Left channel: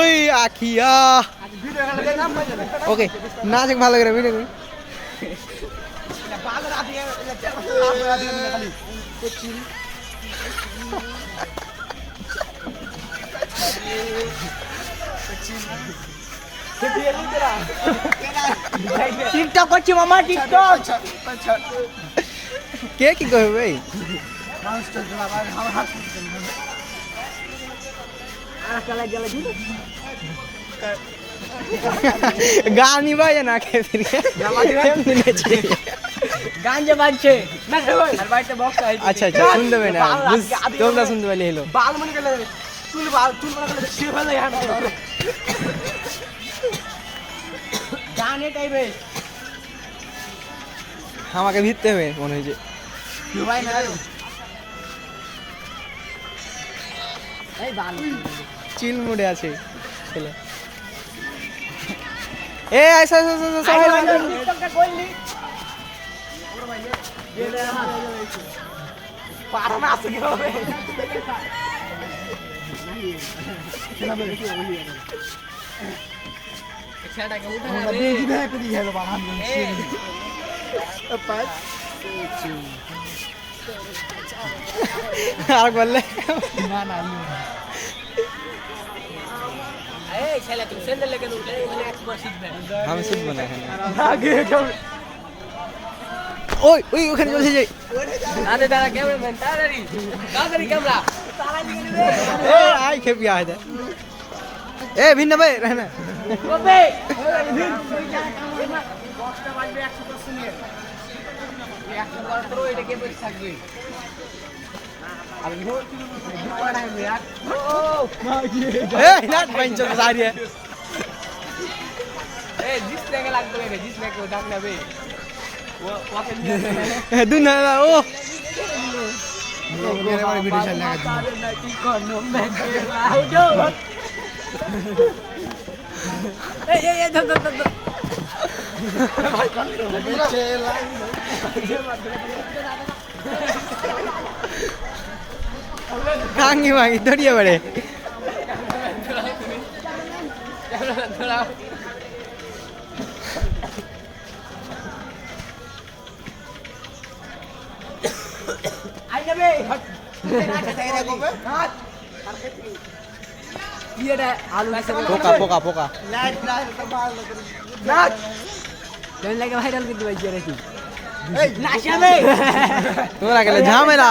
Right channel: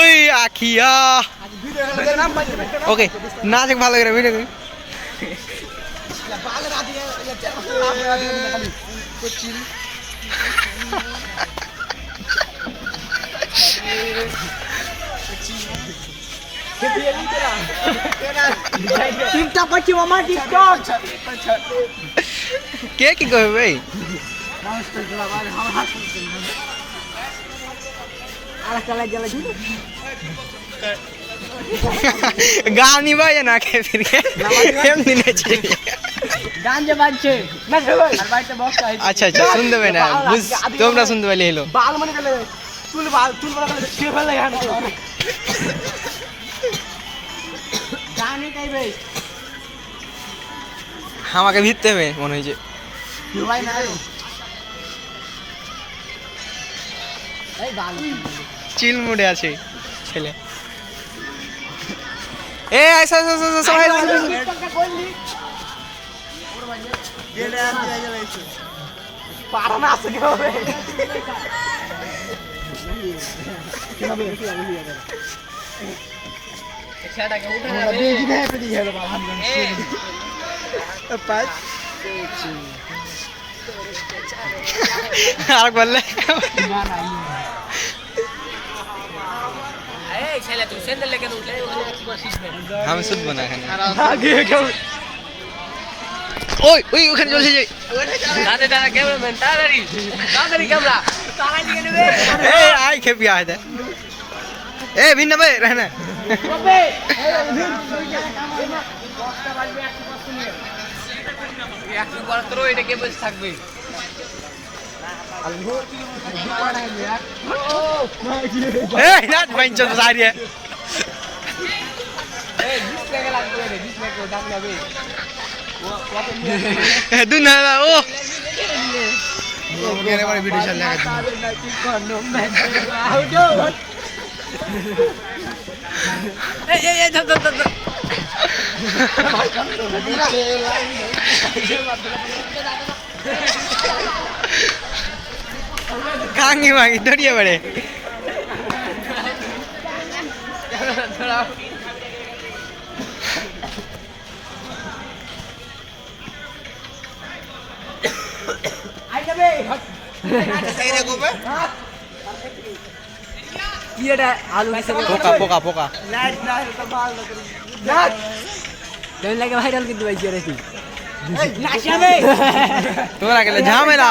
ওই আখিয়া ওকে না দেখ ভালো করে ভিডিও টিকটক করছি মামা টিকটক কে কি করবে ভাই गानी भाई ना के फिर के हम दिने चाहिए গান যে বাজছে আর বাইতে বক্স আছে अच्छा अच्छा सुन दे ना बुझ তোমরা শুনতে পাইলে হলো বাল মনে গেলে চুল বলে ছিয়ে ফেলে গান এটাই বেশ আমাকে ভিড়তে হবে মনে হয়েছে ভাই না এই বাল চিল মুডে আছে ছেলে এ ऐसा সবাই টিকটকটা করলি ওরে ভাই গেলে পারা না আছে কি হবে কিভাবে এছাড়াকে উঠে না রে দিবে পেদি গেল বাবা পাঁচ আর বললে না না এই ছেলে তুই সেন্ডেল লেগে বলতে একবার শিখবে আমি শুধু বনা এখানে আগে কেউ ওই ওই ওখানে চলে যাই দাদা দাদা ক্যামেরাম্যান তাড়াতাড়ি তাড়াতাড়ি ক্যামেরা তাড়াতাড়ি দিকে নেবে এ আই খেপি আয় দে এ ভিন্ন ভাই रहना কবে 10টা বাজবে 100% নিয়ে 100 করা তো এটা কে বসে থাকবে ए ना पंचो तो सारी है ए 20 টাকা লাগবে রে 20 টাকা ডাক নেবে वो कत दुना ओ मेरे बड़े वीडियो चल रहा है ए धर खांगी मांगी दौड़िए बड़े आई যাবে এটা আলু पोका पोका पोका লাইট না তো ভালো না দেন লাগে ভাইরাল করতে পাইছি রে তুই এই লাশ যাবে তোরা গেলে ঝামেলা